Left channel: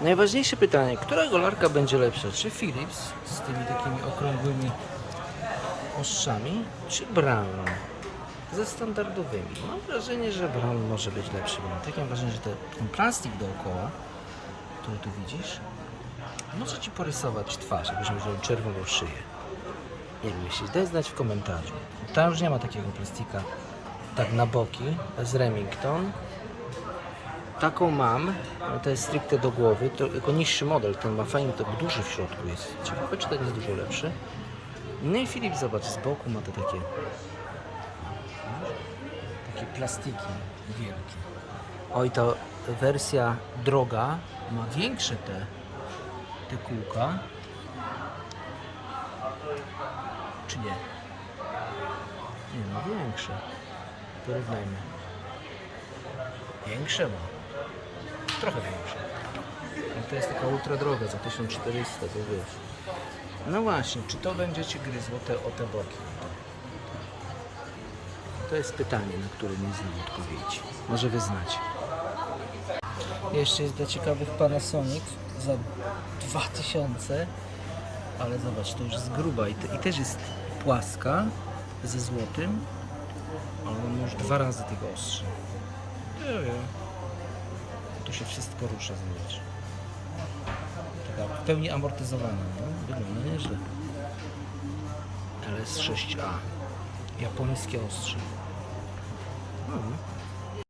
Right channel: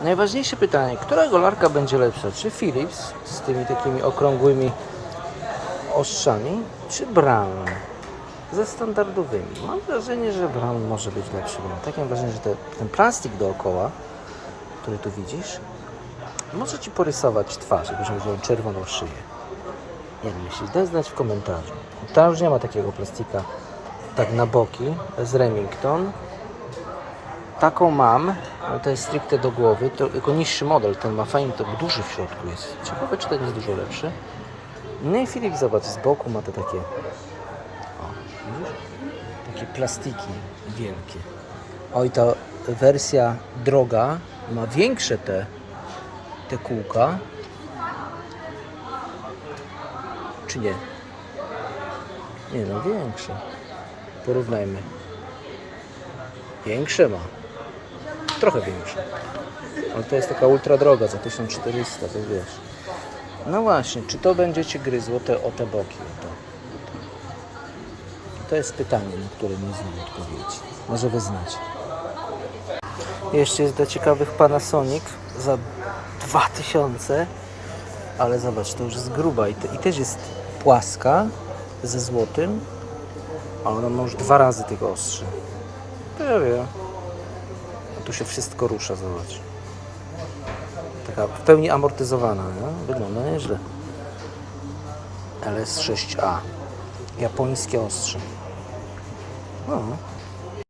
Najważniejsze pytanie, która golarka będzie lepsza? Czy Philips z tymi takimi okrągłymi ostrzami, czy Brown ze standardowymi? Mam wrażenie, że Brown może być lepszy, mam takie wrażenie, że te, ten plastik dookoła, który tu widzisz, może Ci porysować twarz, jakbyś miał czerwoną szyję. Nie wiem, jeśli daj znać w komentarzu. Ta już nie ma takiego plastika tak na boki, to jest Remington. Taką mam, ale to jest stricte do głowy, to jako niższy model, ten ma fajny, to duży w środku jest. Ciekawe, czy ten jest dużo lepszy. No i Filip, zobacz, z boku ma te takie, o, takie plastiki wielkie. Oj, ta wersja droga ma większe te, te kółka. Czy nie? Nie no, większe. Porównajmy. Większe ma. Trochę większe. Ale to jest taka ultra droga za 1400, to wiesz. No właśnie, czy to będzie Cię gryzło te, o te boki? O te. To jest pytanie, na które nie znam odpowiedzi. Może Wy znacie. Jeszcze jest dla ciekawych Panasonic za 2000, ale zobacz, to już jest gruba i, te, i też jest płaska ze złotym, a ona ma już dwa razy tych ostrzy. To ja wiem. Się wszystko rusza, zobacz. Taka w pełni amortyzowana, nie? Wygląda nieźle. LS6A. Japońskie ostrze. No.